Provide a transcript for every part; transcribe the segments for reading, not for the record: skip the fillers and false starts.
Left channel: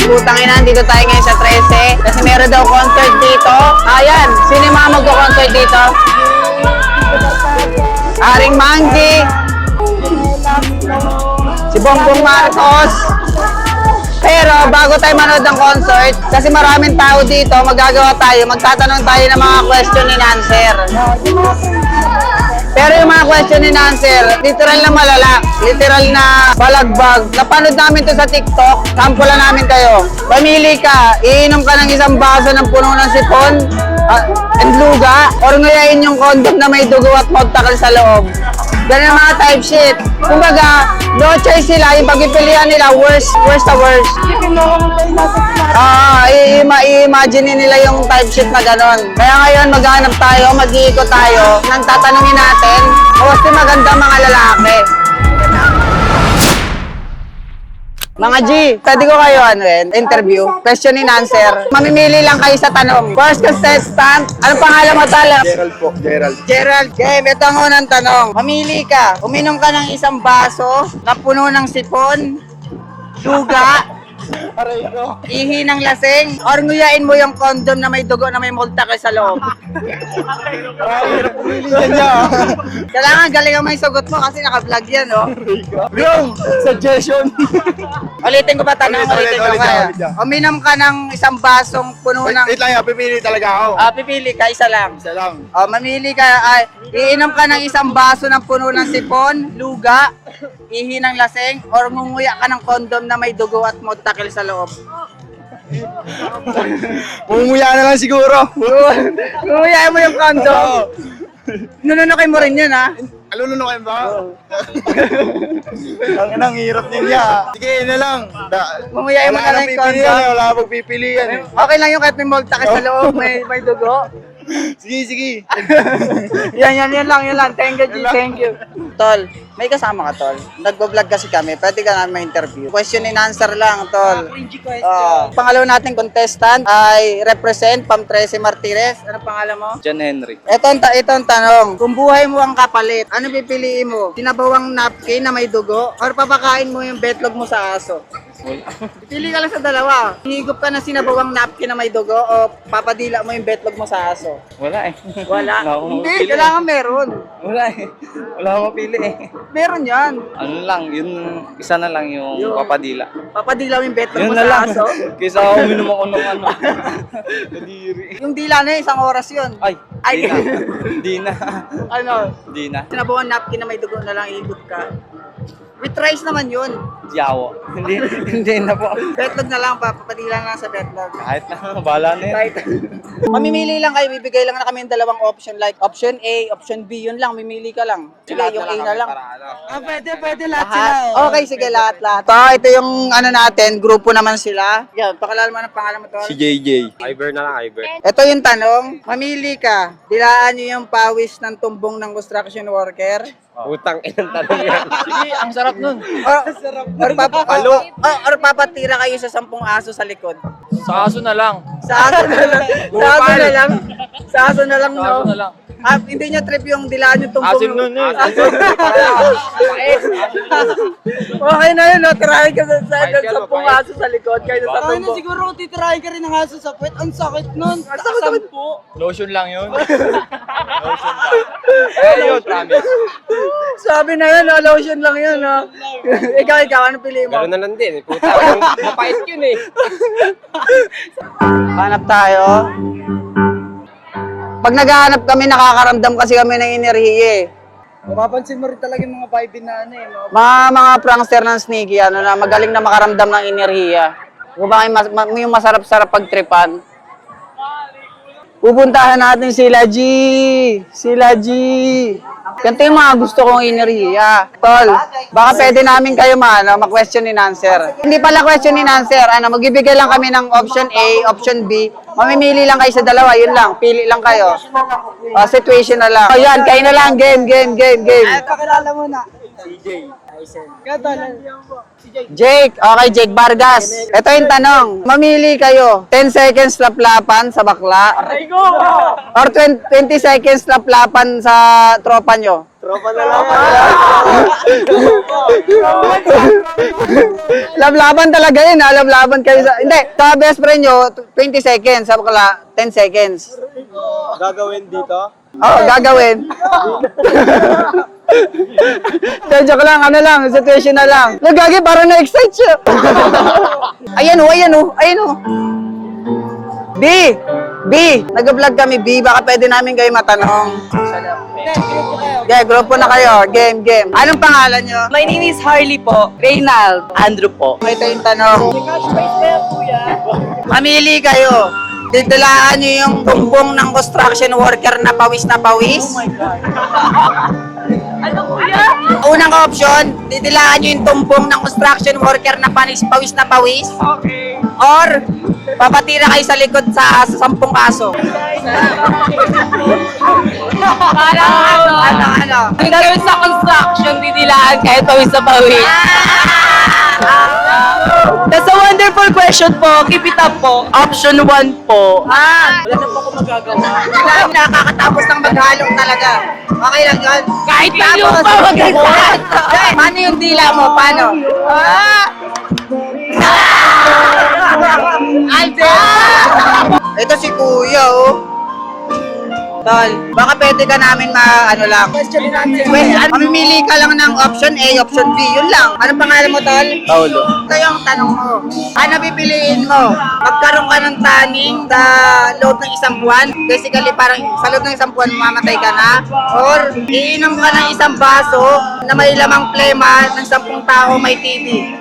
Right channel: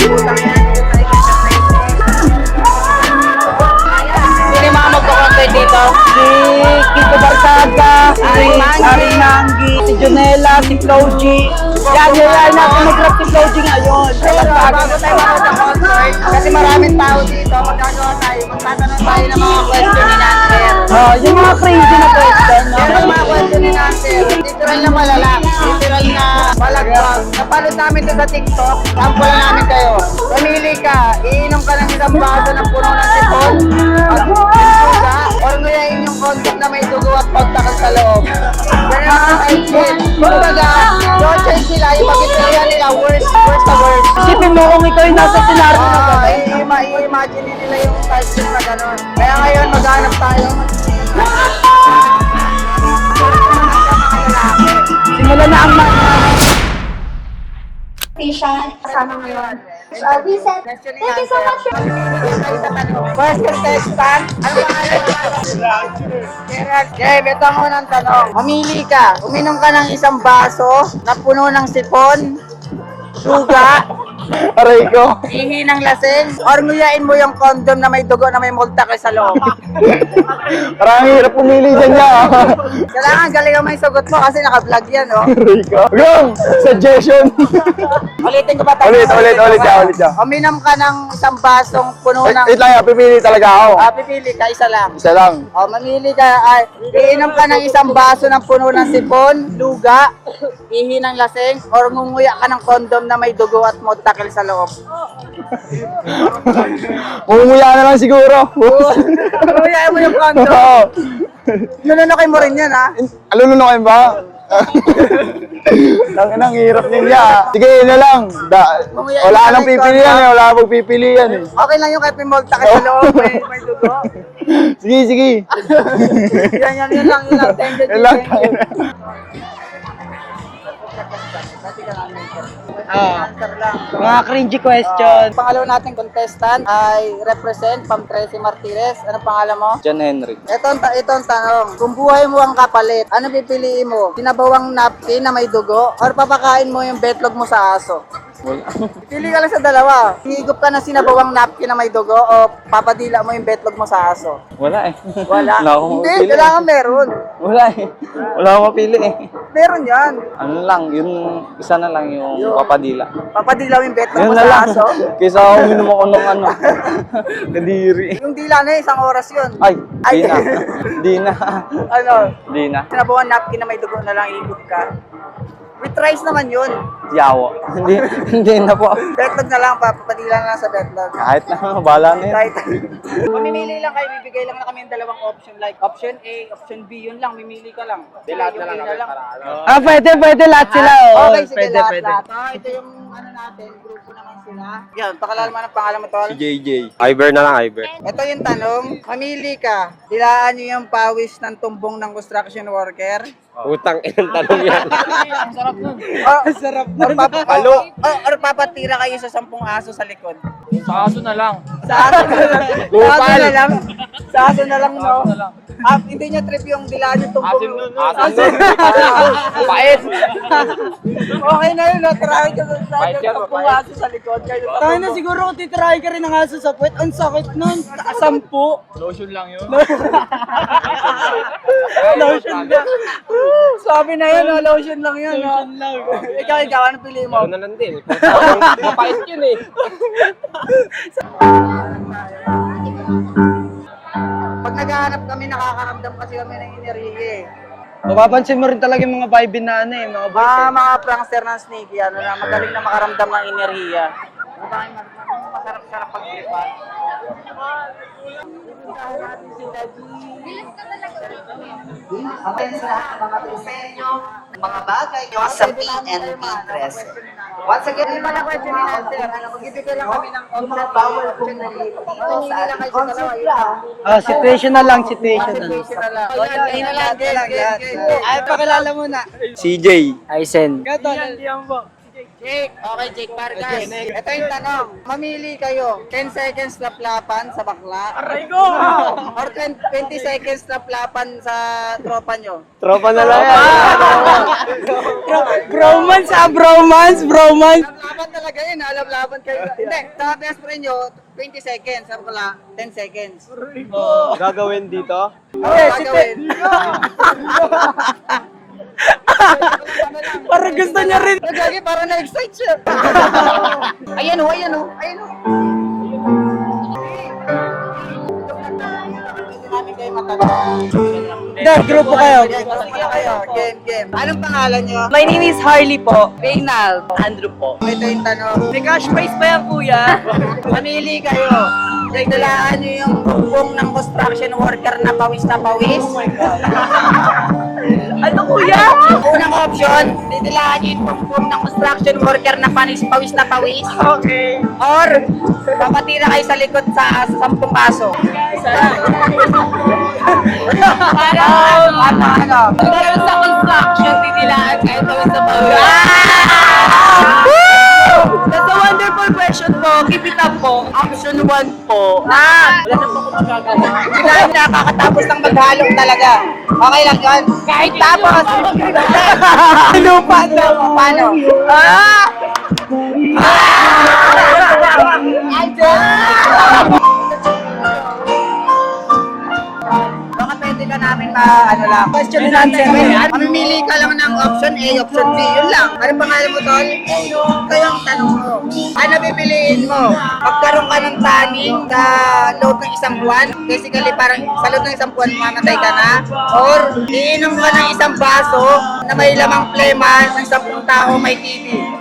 Putang ina, dito tayo ngayon sa 13. Kasi meron daw concert dito. Ayan, sino yung mga magko-concert dito? Si Kiko Barcaga, Aring Manggi, si Jonella, si Floji, si Bongbong Marcos. Si Floji ngayon. Pero bago tayo manood ng concert, kasi maraming tao dito, magagawa tayo, magtatanong tayo ng mga question and answer. Yung mga crazy na question. Pero yung mga question and answer, literal na malala, literal na balagbag. Napanood namin to sa TikTok, sample namin kayo. Pamili ka, iinom ka ng isang baso ng puno ng sipon, and luga, or ngayon yung condom na may dugo at magtakal sa loob. Yan ang mga type shit. Kumbaga, no choice sila, yung pagpipilian nila, worst to worst. Isipin mo kung ikaw yung nasa scenario. I-imagine nila yung type shit na ganon. Kaya ngayon, maghanap tayo, mag-iikot tayo, nang tatanungin natin, kung maganda mga lalaki. Simula na ang Mga G, pwede ko kayo interview, question and answer. Mamimili lang kayo sa tanong. First contestant, ano pangalan mo tala? Gerald. Okay, ito ang unang tanong. Mamili ka, uminom ka ng isang baso na puno ng sipon, suga, Aray ko. ihi ng lasing, or nguyain mo yung condom na may dugo na may multake sa loob. Parang hirap pumili din niya. Kailangan galingan mo yung sagot mo kasi naka-vlog yan, no? Aray ko. Yung suggestion. Ulitin ko ba tanong? Ulit, ulit. Uminom ka ng isang basong puno ng... Wait lang yan, pipili talaga ako. Pipili ka, isa lang. Isa lang. Mamili ka, iinom ka ng isang baso ng puno ng sipon, luga, ihi ng lasing, or ngunguya ka ng kondom na may dugo at motakil sa loob. Umuya na lang siguro. Ngunguya mo yung Oo. kondom. Nununukin mo rin yan, ha? Alam mo kayo ba? Ang hirap din niya. Sige, yun na lang. Umuyain mo Wala na nang lang yung pipilian condom. eh. Wala nang pagpipilian eh. Okay lang yung kahit may motakil sa loob, may dugo. Sige. Yan lang. Thank you, Yun lang. thank you. Tol, may kasama ka, Tol. Nagbo-vlog kasi kami, pwede ka namin ma-interview. Question and answer lang, Tol. mga cringy question. Pangalawa nating contestant ay represent Pam 13 Martires. Ano pangalan mo? John Henry. Ito ang tanong. Kung buhay mo ang kapalit, ano pipiliin mo? Sinabawang napkin na may dugo or papakain mo yung betlog mo sa aso? Pili ka lang sa dalawa. Higop ka na sinabawang napkin na may dugo o papadila mo yung betlog mo sa aso? Wala eh. Wala. Wala akong Hindi, mapili. kailangan meron. Wala eh. Wala akong mapili eh. Meron yan. Ano lang, yun, isa na lang yung Yung- papadila. Papadila mo yung betlog mo Yun na sa lang. aso? Kaysa ako uminom ako ng ano. Kadiri. Yung dila na yun, isang oras yun. Ay, Ay. di na. Di na. Ano? Di na. Sinabawang napkin na may dugo na lang higop ka. With rice naman yun. Yawa. Hindi na po. Betlog na lang, papadila na lang sa betlog. Kahit na, bala na yun. Right. Mamimili lang kayo, bibigay lang na kami ng dalawang option like option A, option B, yun lang, mimili ka lang. Sige, yung A na lang. Pwede lahat sila. Okay, sige, lahat. Ito yung ano natin, grupo naman sila. Yan, pakilala mo ang pangalan mo, Tol. Si JJ. Iber na lang, Iber. Ito yung tanong, mamili ka, dilaan nyo yung pawis ng tumbong ng construction worker. Utang inang tanong yan. Ang sarap nun. Or papatira kayo sa 10 aso sa likod. Sa aso na lang. Sa aso na lang. Sa aso na lang. Sa aso na lang, no? Aso na lang. Hindi nyo trip yung dilaan yung tumbong. Asim nun eh. Pait. Okay na yun, no? Tirahin ka sa 10 aso sa likod. Kayo sa Kaya na tumbong. siguro kung titirahin ka rin ng aso sa puwet, ang sakit nun. Sampu. Lotion lang yun. Sabi na yun, no? Lotion lang yun, no? Ikaw, ano pili mo? na lang din. Puta, mapait yun eh. Hanap tayo. Pag naghahanap kami, nakakaramdam kasi kami ng enerhiya eh. Mapapansin mo rin talaga yung mga vibe na ano eh. Mga prankster ng sneaky, ano na, magaling na makaramdam ng enerhiya. Kung ba yung masarap-sarap pagtripan. Pupuntahan natin sila G. Ganito yung mga gusto kong enerhiya. Tol, baka pwede namin kayo ma-question and answer. Hindi pala question and answer. Magbibigay lang kami ng option A, option B. Mamimili lang kayo sa dalawa, yun lang. Pili lang kayo. Situational lang, situational. Situation na lang. Ayan, kayo na lang. Game. Pakilala mo na. CJ. Ikaw, Tol. Si Jake. Okay, Jake Vargas. Ito yung tanong. Mamili kayo. 10 seconds laplapan sa bakla. Or 20 seconds laplapan sa tropa nyo. Tropa na lang. Bromance. Lablaban talaga yun, ha? Lablaban kayo sa... Hindi, sa best friend nyo, 20 seconds. Sa bakla, 10 seconds. Gagawin dito? Oo, gagawin. So, joke lang, ano lang, situation na lang. Nagagi, parang na-excite siya. Ayan o. B, nag-vlog kami, B. Baka pwede namin kayo matanong. Grupo kayo. Okay, grupo na kayo. Game. Anong pangalan nyo? My name is Harley po. Reynald. Andrew po. Ito yung tanong. May cash prize pa yan, kuya. Mamili kayo. Didilaan nyo yung bumbong ng construction worker na pawis na pawis. Ano, kuya? Unang option, didilaan nyo yung tumpong ng construction worker na pawis na pawis. Okay. Or, papatira kayo sa likod sa 10 aso. Ano? Dahil sa construction, didilaan kahit pawis na pawis. That's a wonderful question po. Keep it up po. Option 1 po. Wala na po ako magagawa. Hindi lang nakakatapos ng maghalong talaga. Okay lang yun. Kahit tapos. Ano yung dila mo? Paano? Ito si Kuya, oh. Tol, baka pwede ka namin Question natin. mamimili ka lang ng option A, option B, yun lang. Anong pangalan mo, Tol? Paulo. Ito yung tanong mo. Ano pipiliin mo? Magkaroon ka ng taning sa loob ng 1 buwan? Basically, parang sa loob ng 1 buwan, mamatay ka na? Or iinom ka ng 1 baso na may lamang plema ng 10 tao may TB?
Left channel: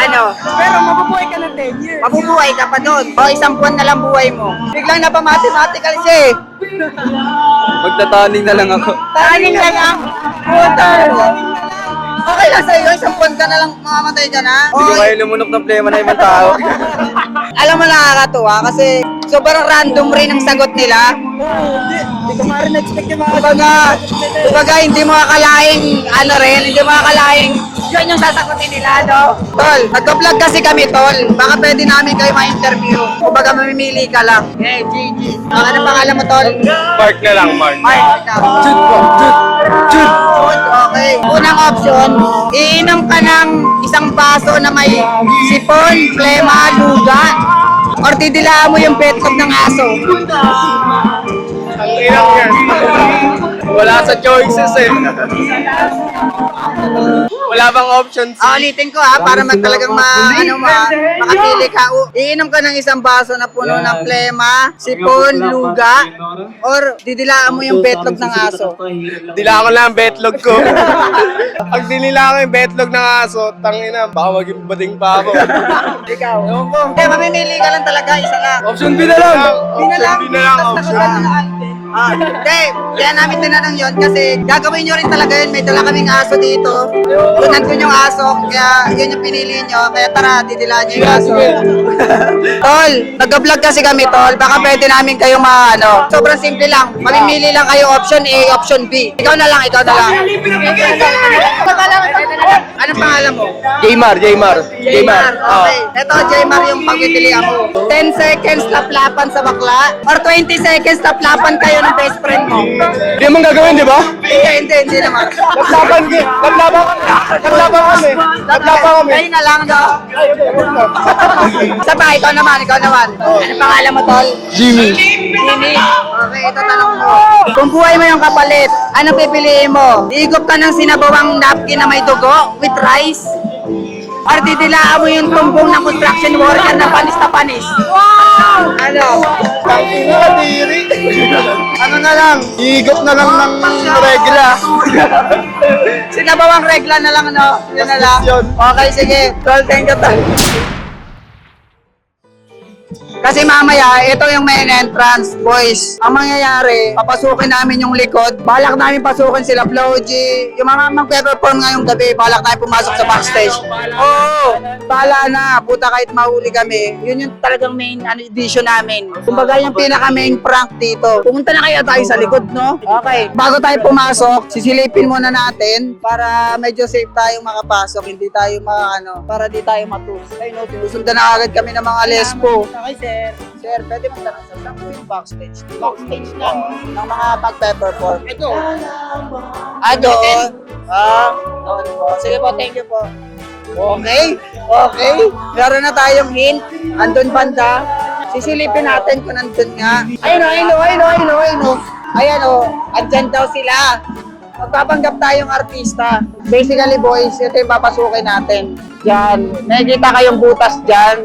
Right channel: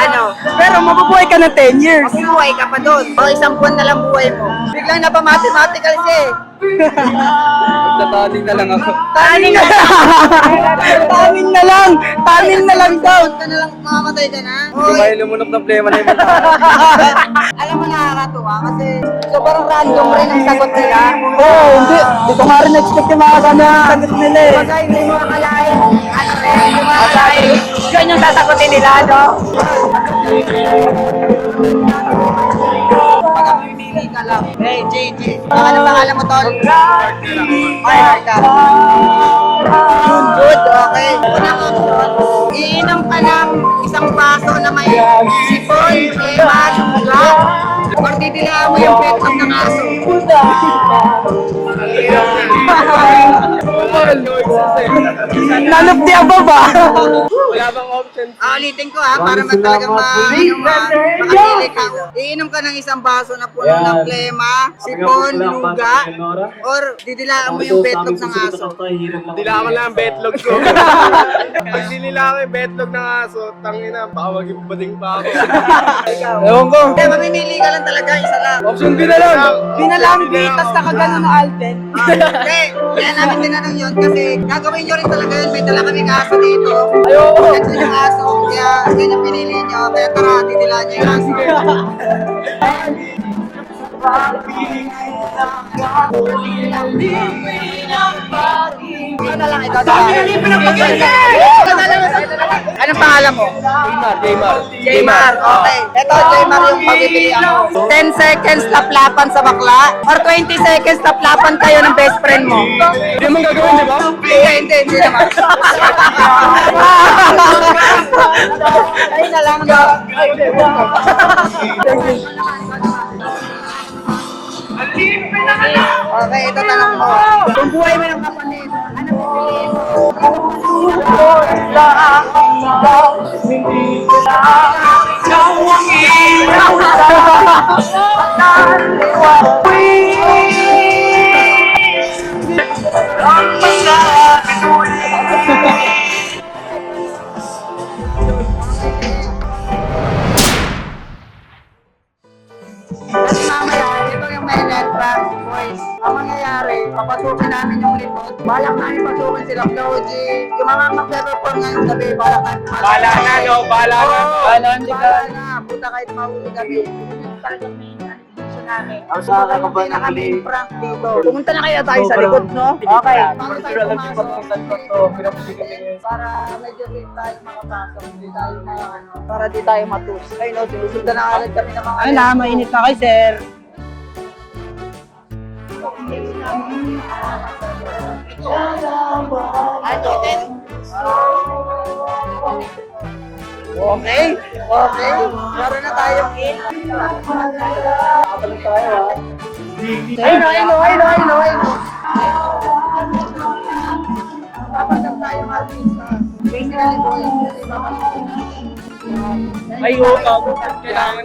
Ano? Pero mabubuhay ka ng 10 years. Mabubuhay ka pa doon. O 1 buwan na lang buhay mo. Biglang napamathematical siya eh. Magtataling na lang ako. Taning na lang. Tanin na lang. Taning na lang. 1 buwan ka na lang mamamatay ka na. Hindi ko kayo lumunok ng plema na ibang tao. Alam mo nakakatuwa kasi sobrang random rin ang sagot nila. Hindi ko nga rin expect yung mga Kumbaga hindi mo akalaing hindi mo akalaing yun yung sasagutin nila, no? Tol, nagka-vlog kasi kami, Tol. Baka pwede namin kayo ma-interview. Kumbaga mamimili ka lang. Hey, JG. Baka na pangalan mo, Tol? Park na lang, Mark. Mark ka. Jude, okay. Unang option, iinom ka ng 1 baso na may sipon, plema, lugat. Or didilaan mo yung petlog ng aso. Wala sa choices eh. None of the above ba? Wala bang options? Ulitin ko para talagang makapili ka. Iinom ka ng 1 baso na puno ng plema, sipon, luga, or didilaan mo yung petlog ng aso. Dila ko lang ang betlog ko. Pag dinila ko yung betlog ng aso, tangina, baka maging bading pa ako. Ewan ko. Kaya mamimili ka lang talaga, isa lang. Option B na lang. Binalang Hindi na lang tapos option. nakagano na Alden. Hindi, kaya namin tinanong yun kasi gagawin nyo rin talaga yun. May dala kaming aso dito. Kung nandun yung aso, kaya yun yung pinili nyo. Kaya tara, didilaan nyo yung aso. Tol, nag-vlog kasi kami, Tol. Baka pwede namin kayo sobrang simple lang. Mamimili lang kayo option A, option B. Ikaw na lang. Anong pangalan mo? Jaymar. Okay. Ito, Jaymar yung pagpipilian mo. 10 seconds laplapan sa bakla or 20 seconds laplapan kayo ng best friend mo. Hindi mo gagawin, di ba? Hindi naman. Ayun na lang, no? Isa pa, ikaw naman. Ano pangalan mo, Tol? Jimmy. Jimmy. Okay, ito tanong mo. Kung buhay mo yung kapalit, ano pipiliin mo? Igop ka ng sinabawang napkin na may dugo with rice? Or didilaan mo yung tumbong na construction worker na panis? Ano? Ano na lang? Higop na lang ng regla. Sinabawang regla na lang, no? Yun na lang. Okay, sige. Tol, thank you, Tol. Kasi mamaya, ito yung main entrance, boys. Ang mangyayari, papasukin namin yung likod. Balak namin pasukin sila Flo G. Yung mga magpe-perform ngayong gabi, balak tayo pumasok sa backstage. Bala na. Puta kahit mahuli kami. Yun yung talagang main edition namin. Kumbaga yung pinaka-main prank dito. Pumunta na kaya tayo sa likod, no? Okay. Bago tayo pumasok, sisilipin muna natin para medyo safe tayong makapasok. Hindi tayo para di tayo matus. Ay no, sinusundan na agad kami ng mga lesbo. Okay, sir. Sir, pwede mo tanong sa backstage. Backstage lang ng mga pag-perform. Ito. Doon. Sige po, thank you po. Okay. Meron na tayong hint. Andun banda. Sisilipin natin kung nandun nga. Ayun o. Andyan daw sila. Magpapanggap tayong artista. Basically boys, ito yung papasukin natin. Diyan. Nakikita kayong butas dyan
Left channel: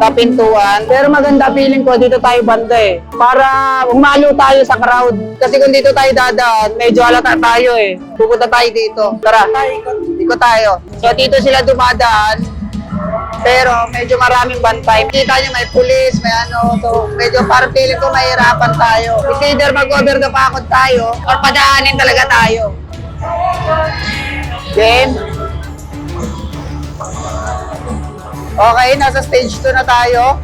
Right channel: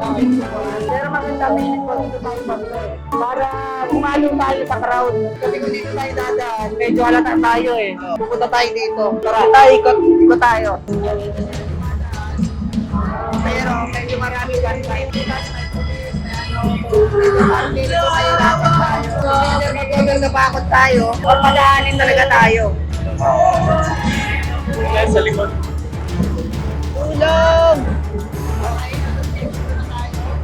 sa pintuan. Pero maganda feeling ko, dito tayo banda eh. Para umalo tayo sa crowd. Kasi kung dito tayo dadaan, medyo halata tayo eh. Pupunta tayo dito. Tara, ikot tayo. So dito sila dumadaan. Pero medyo maraming bantay. Kita nyo may pulis, may ano. So medyo parang feeling ko mahirapan tayo. It's either mag-over na pakot tayo or padaanin talaga tayo. Then, okay, nasa stage 2 na tayo.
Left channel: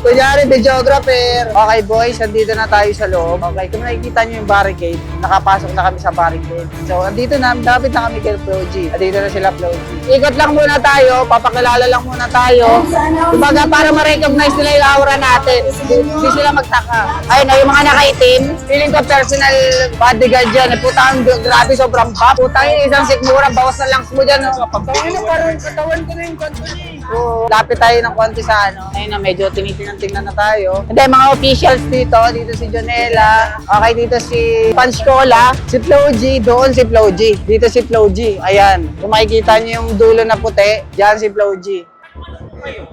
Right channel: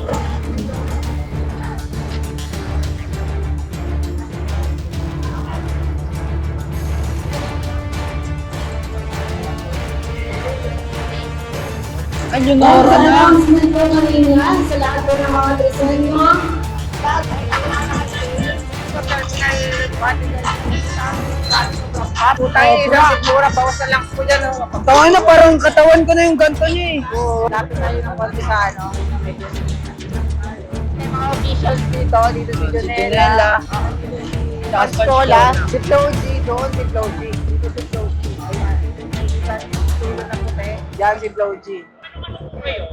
Kunyari, videographer. Okay boys, andito na tayo sa loob. Okay, kung nakikita nyo yung barricade, nakapasok na kami sa barricade. So, andito na, dapat na kami kay Flo G. Andito na sila Flo G. Ikot lang muna tayo, papakilala lang muna tayo. Kumbaga, para ma-recognize nila yung aura natin. Hindi sila magtaka. Ayun na, yung mga nakaitim, feeling ko personal bodyguard dyan. Putang, grabe, sobrang pop. Putang, isang sikmura, bawas na lang mo dyan. Tawag na, parang katawan ko na yung ganto niya eh. Lapit tayo ng konti sa ano. Ayun na, medyo tinitingnan na tayo. Hindi, mga officials dito. Dito si Jonella. Okay, dito si Panscola. Si Flo G. Doon si Flo G. Dito si Flo G. Ayan. Kung makikita niyo yung dulo na puti, dyan si Flo G.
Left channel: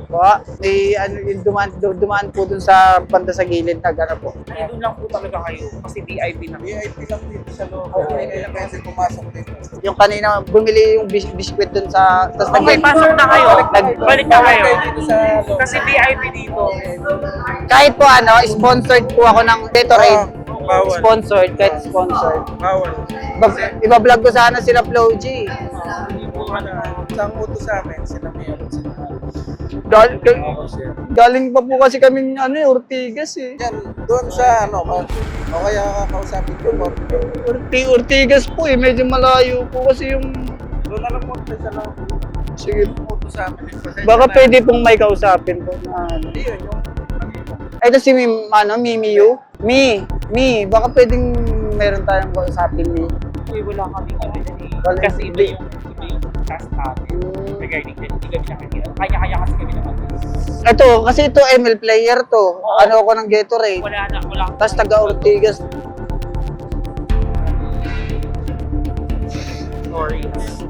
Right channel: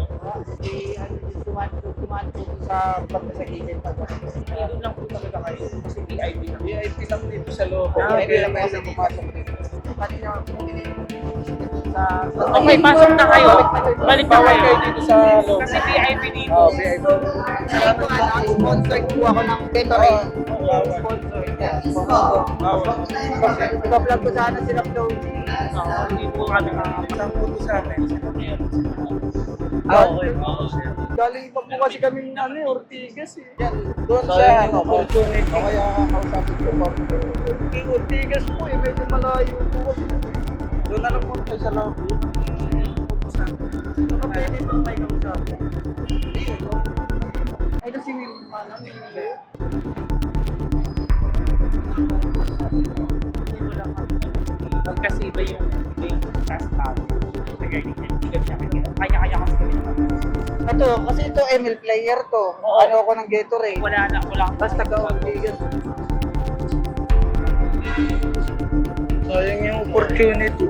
Po, yung dumaan po dun sa banda sa gilid na gano'n po. Doon lang po talaga kayo. Kasi VIP na. VIP lang dito sa loob. Hindi lang kasi pumasok dito. Yung kanina, bumili yung biskwit dun sa... Okay, pasok na kayo. Balik na kayo. Dito sa loob. Kasi VIP dito. Kahit po sponsored po ako ng Gatorade. Bawal. Sponsored, kahit sponsored. Bawal. Iba-vlog ko sana sila Flo G. Hindi po ka na. Isang utos sa amin, sila meron sila. Galing pa po kasi kami Ortigas eh. Yan, doon sa kaya makasama ko, ma'am. Ortigas po eh, medyo malayo po kasi yung... Doon na lang po sa loob. Sige po. Utos sa amin. Baka pwede pong may kausapin po. Ito si Mimi Yu. Mi, baka pwedeng meron tayong kausapin ni. Wala kami kasi iba yung task namin. Regarding that, hindi kami nakikita. Kaya-kaya kasi kami naman. Ito, kasi ito ML player to. Ano ako ng Gatorade. Wala. Tapos taga-Ortigas. Sayang yung opportunity.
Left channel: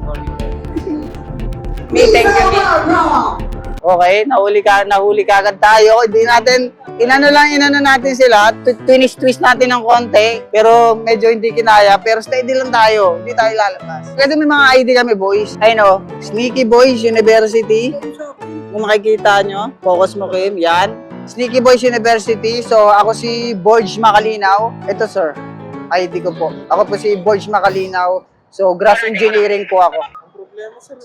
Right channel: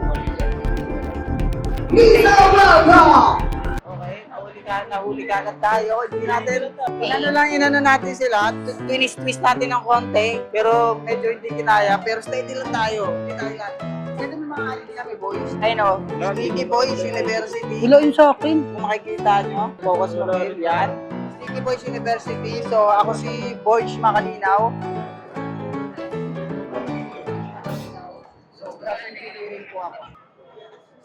Okay, nahuli ka agad tayo. Hindi natin, inano natin sila, twist natin ng konti, pero medyo hindi kinaya, pero steady lang tayo, hindi tayo lalabas. Kasi may mga ID kami, boys. Ayun Sneaky Boys University. Ilo yung sa akin. Kung makikita nyo, focus mo Kim, yan. Sneaky Boys University, so ako si Borge Macalinaw. Ito sir, ID ko po. Ako po si Borge Macalinaw, so grass engineering po ako. Problema sir,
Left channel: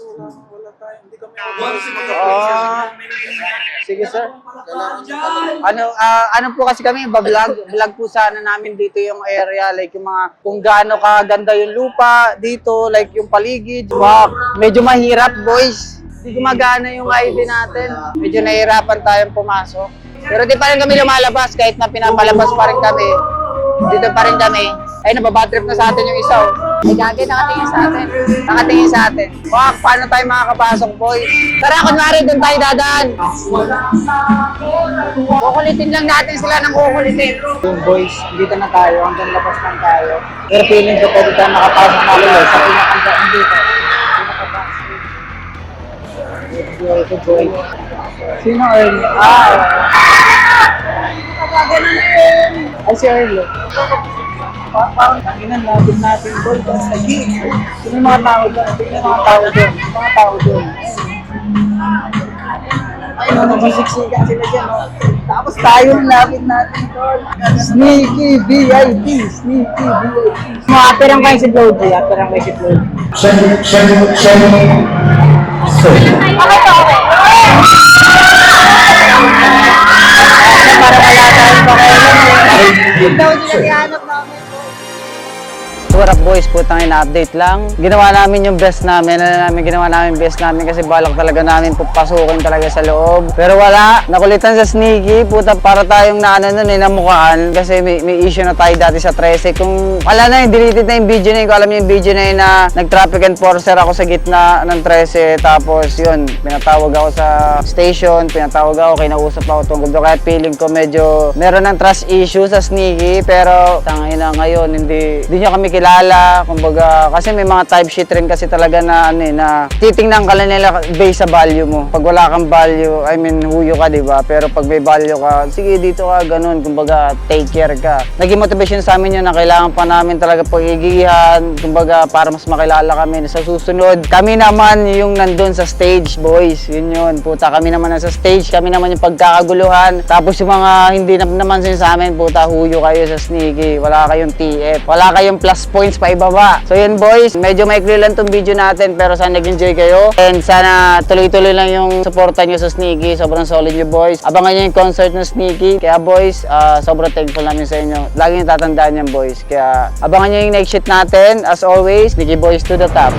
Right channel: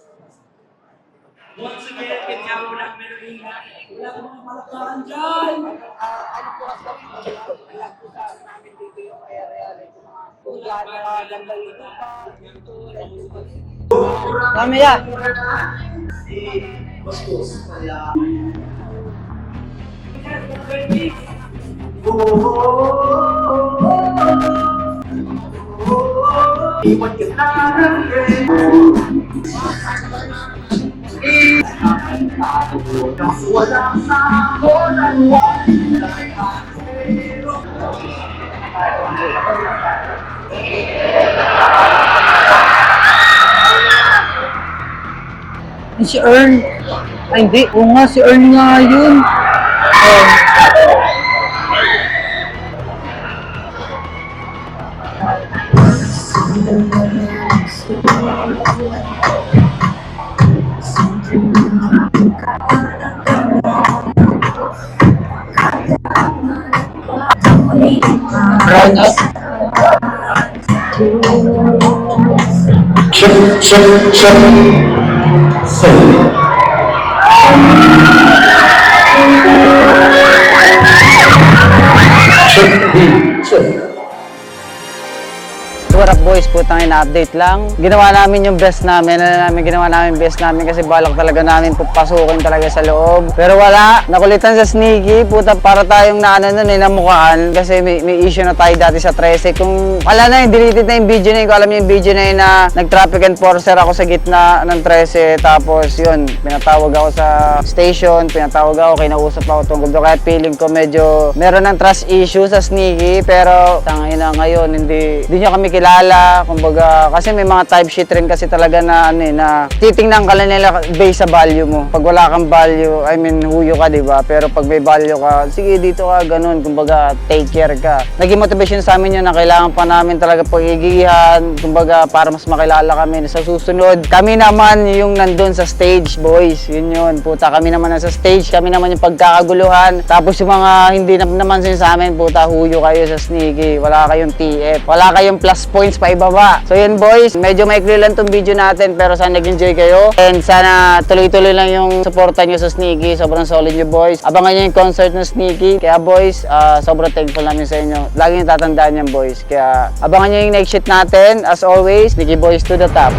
wala tayo. Hindi kami Sige sir. Ano po kasi kami, vlog po sana namin dito yung area, like yung mga, kung gaano kaganda yung lupa dito, like yung paligid. Wow, medyo mahirap boys. Hindi gumagana yung ID natin. Medyo nahihirapan tayong pumasok. Pero di pa rin kami lumalabas, kahit na pinapalabas pa rin kami. Dito pa rin kami. Ay, nababatrip na sa atin yung isa. Ay, gagi, nakatingin sa atin. Nakatingin sa atin. Wow, paano tayo makakapasok, boy? Tara, kunwari, doon tayo dadaan. Kukulitin lang natin sila ng kukulitin. Yung boys, dito na tayo. Hanggang labas na tayo. Pero feeling ko, pwede tayo makapasok na ulit. Si Earn. Ay, hindi. Oo nga, si Earn nga yun. Ay, si Earn. Parang naginan natin doon. Sino mga tao doon? Sino mga tao doon? Mga tao doon. Ano ba siksikan sila dyan? Tayong lapit natin. Sneaky VIP. Mga perang kayo si Lodi. Perang kayo si Lodi. What up boys, putang ina-update lang. Ginawa namin yung best namin, ginawa namin best namin kasi balak talaga namin pupasukin talaga sa loob. Pero wala, nakulitan sa Sneaky, puta para tayong namukaan kasi may issue na tayo dati sa 13. Kung wala na yung deleted na yung video na yun, kung alam niyo yung video na yun na nag-traffic enforcer ako sa gitna ng 13, tapos yun, pinatawag ako sa station, pinatawag ako, kinausap ako tungkol doon. Kaya feeling ko medyo meron ng trust issue sa Sneaky, pero tangina ngayon, hindi nyo kami kilala, kumbaga, kasi may mga type sheet rin kasi talaga na na titingnan ka lang nila based sa value mo. Pag wala kang value, I mean, huyo ka, di ba? Pero pag may value ka, sige, dito ka, ganun, kumbaga, take care ka. Naging motivation sa amin yun na kailangan pa namin talaga pagigihan, kumbaga, para mas makilala kami sa susunod. Kami naman yung nandun sa stage, boys, yun, puta, kami naman nasa stage, kami naman yung pagkakaguluhan. Tapos yung mga hindi naman sa amin, puta, huyo kayo sa Sneaky, wala kayong TF, wala kayong plus points pa ibaba. So yun boys, medyo maikli lang tong video natin pero sana nag-enjoy kayo and sana tuloy-tuloy lang yung suporta nyo sa Sneaky. Sobrang solid nyo boys. Abangan nyo yung concert ng Sneaky. Kaya boys, sobrang thankful namin sa inyo. Lagi nyo tatandaan yan boys. Kaya abangan nyo yung next shit natin. As always, Sneaky boys to the top.